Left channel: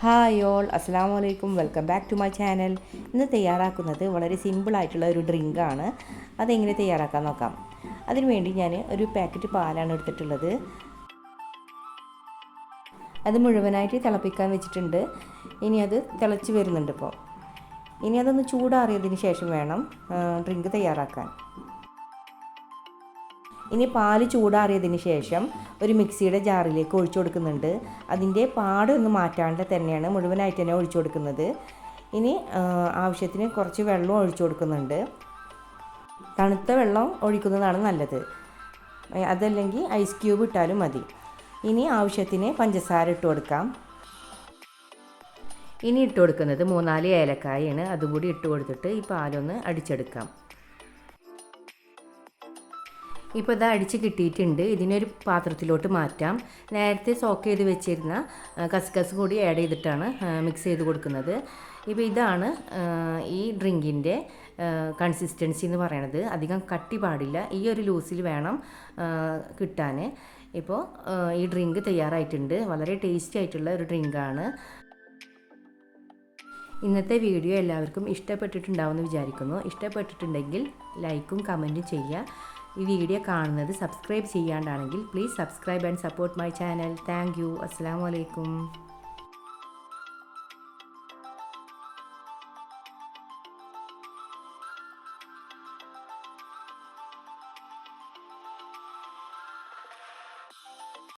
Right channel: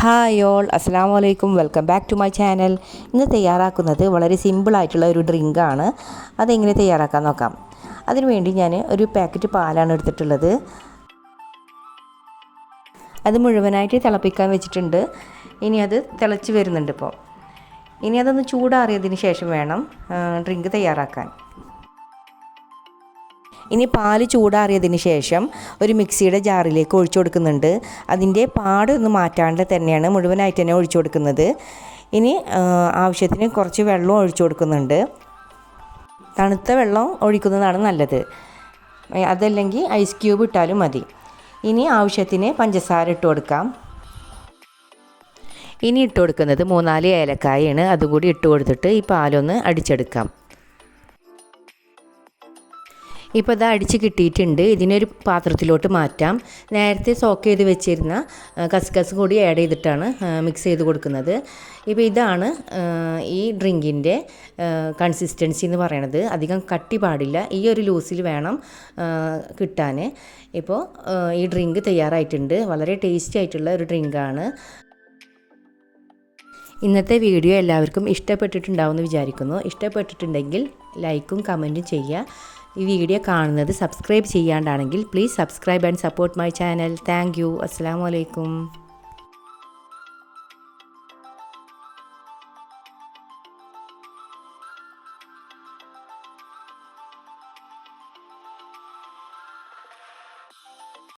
Hi all അസ്സാം വലൈക്കും welcome back to my channel ഇന്ന് തയ്യാറാക്കുന്നത് വളരെ സിമ്പിളായിട്ടുള്ള ഒരു ഡ്രിങ്കാണ് അതെങ്ങനെ തയ്യാറാക്കാൻ നോക്കാം. അതിനുവേണ്ടി ഞാൻ ഒരു പാക്കറ്റ് പാലാണ് എടുത്തിട്ടുള്ളത്. അത് മുഴുവനായിട്ട് തിളപ്പിക്കാൻ വെച്ചിട്ടുണ്ട്. ഇനി അത് തിളച്ച് വരുന്നുണ്ട് ഇപ്പോൾ ഇനി അതൊന്ന് ചൂടാറിയതിന് ശേഷം വേണം ഡ്രിങ്ക് തയ്യാറാക്കാൻ. ഇനി പാൽ ചൂടാറിയതിന് ശേഷം ഒരു മിക്സിയുടെ ജാറിലേക്ക് ഒഴിച്ചു കൊടുക്കുന്നുണ്ട്. അതിന്റെ പാടൊന്നും മാറ്റാണ്ട് തന്നെയാണ് മുഴുവനായിട്ട് തന്നെ ഒഴിച്ചു കൊടുക്കുന്നത്. ഇനി ആവശ്യത്തിന് കുറച്ച് വെള്ളം ഒഴിച്ചു കൊടുക്കുന്നുണ്ട്. തണുത്ത വെള്ളം ഒഴിക്കുന്നതാണ് നല്ലത്. അതല്ലെങ്കിൽ ഐസ് ക്യൂബ് ഇട്ടാലും മതി. ഇനി ആവശ്യത്തിന് പഞ്ചസാര ഇട്ട് കൊടുക്കാം. ഇനി ഇട്ട് കൊടുക്കുന്നത് മൂന്നാൽ ഏലക്കായാണ്. അതുകൂടി ഇട്ട് കൊടുത്തിട്ട് ഈ പാലൊന്ന് അടിച്ചെടുക്കാം. ഇപ്പോൾ ഇത് അടിച്ച് കിട്ടിയിട്ടുണ്ട്. ഇതിനൊരു പാത്രത്തിലോട്ട് മാറ്റാം. നേരത്തെ സോക്ക് ചെയ്ത് വെച്ചിരുന്ന കസ്കസ് കൂടി ആഡ് ചെയ്തിട്ടാണ് മിക്സ് ചെയ്ത് കൊടുക്കുന്നത്. ഇപ്പോൾ ഇതാണ് ഈ ഡ്രിങ്കിന്റെ കൺസിസ്റ്റൻസി എന്ന് പറയണത്. അധികം കട്ടി പാടില്ല. ഈ ഒരു ലൂസിൽ വേണം കിട്ടാൻ ഇപ്പോൾ ഈ ഡ്രിങ്ക് തയ്യാറായിട്ടുണ്ട്. വളരെ ടേസ്റ്റി ആയിട്ടുള്ള ഒരു ഡ്രിങ്കാണ് ഇന്നത്തെ വീഡിയോ എല്ലാവർക്കും ഇഷ്ടപ്പെട്ടിട്ടുണ്ടാവുമെന്ന് വിചാരിക്കുന്നു. ഇഷ്ടപ്പെട്ടിട്ടുണ്ടെങ്കിൽ ലൈക്കും കമന്റും ചെയ്യുക. ഈ വീഡിയോ കാണുന്നത് subscribe ചെയ്യാണ്ടാണെങ്കിൽ please subscribe and support my channel thank you അസ്സാം വലൈക്കും